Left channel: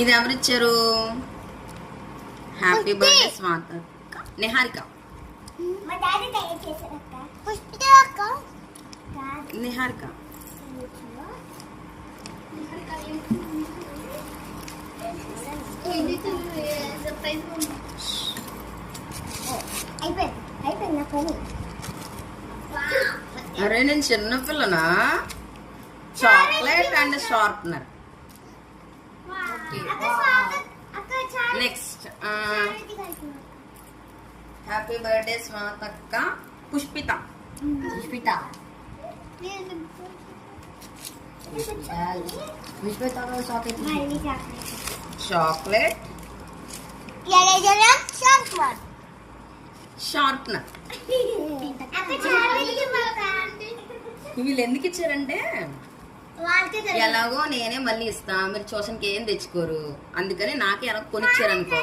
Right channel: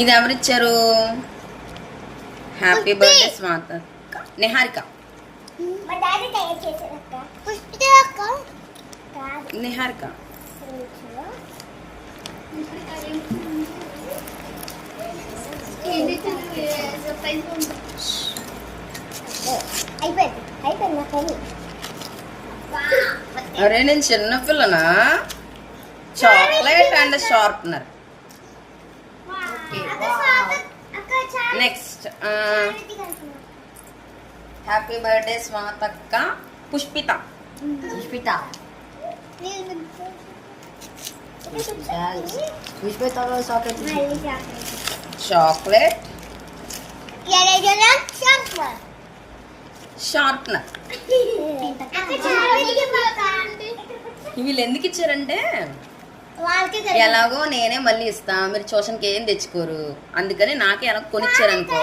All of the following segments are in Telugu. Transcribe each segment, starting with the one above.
ఇది ఎవరిచ్చారు? Happy birthday Swatha Niharika. నిహారిక అరే నేను చిన్నపిల్లనా? Chocolate and sharpener. Next happy birthday స్వాతక్క. పుష్పిత. Chocolate sharpener. వీళ్ళు ఎందుకు ఇచ్చారంటే ఎలాగో నేనే మళ్ళీ ఇస్తా, మీరు ట్యూషన్కి ఏం తెచ్చుకోరు, అందుకని నాకే ఎలా కొనిచ్చారనుకో.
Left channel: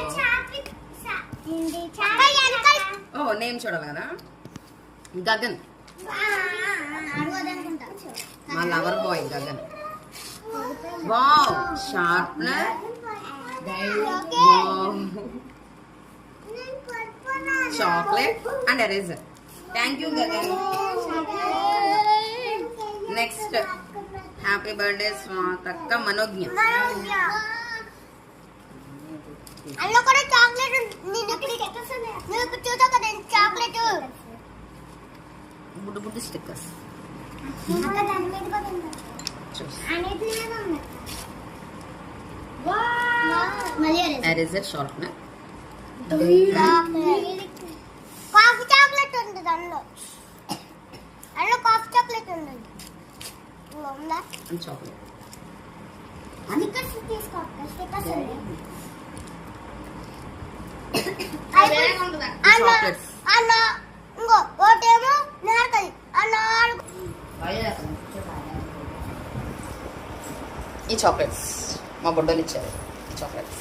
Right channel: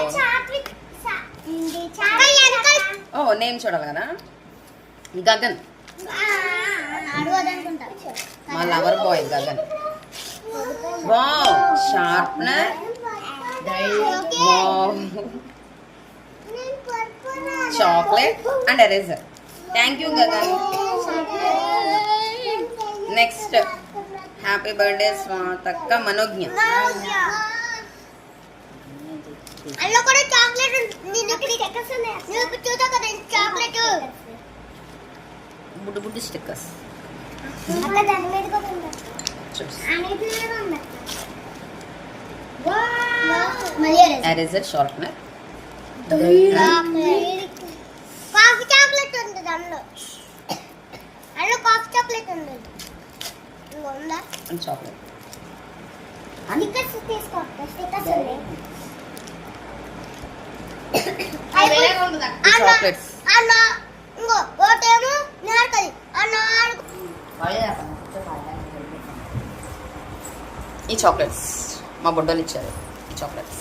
ఓ నేమ్ చూడాలి కదా. గగన్, మా lover boy Gagan. Wow, sharpener, chocolate and eraser. Thank you Gagan. Next happy birthday స్వాతక్క మనోజ్ఞ. బుడ్డు బుడ్డు stickers. Eraser, sharpener, coffee chocolate ఉంటుంది అందులో. అందులో కాఫీ చాక్లెట్ ఉంటుంది. చాక్లెట్ స్టిక్కర్స్ తీసుకో. Stickers chocolates. ఇంకో ఒకటేమో నార్కలి. ఈ చాక్లెట్స్ మా బుడ్డలు ఇచ్చారు. ఈ చాక్లెట్స్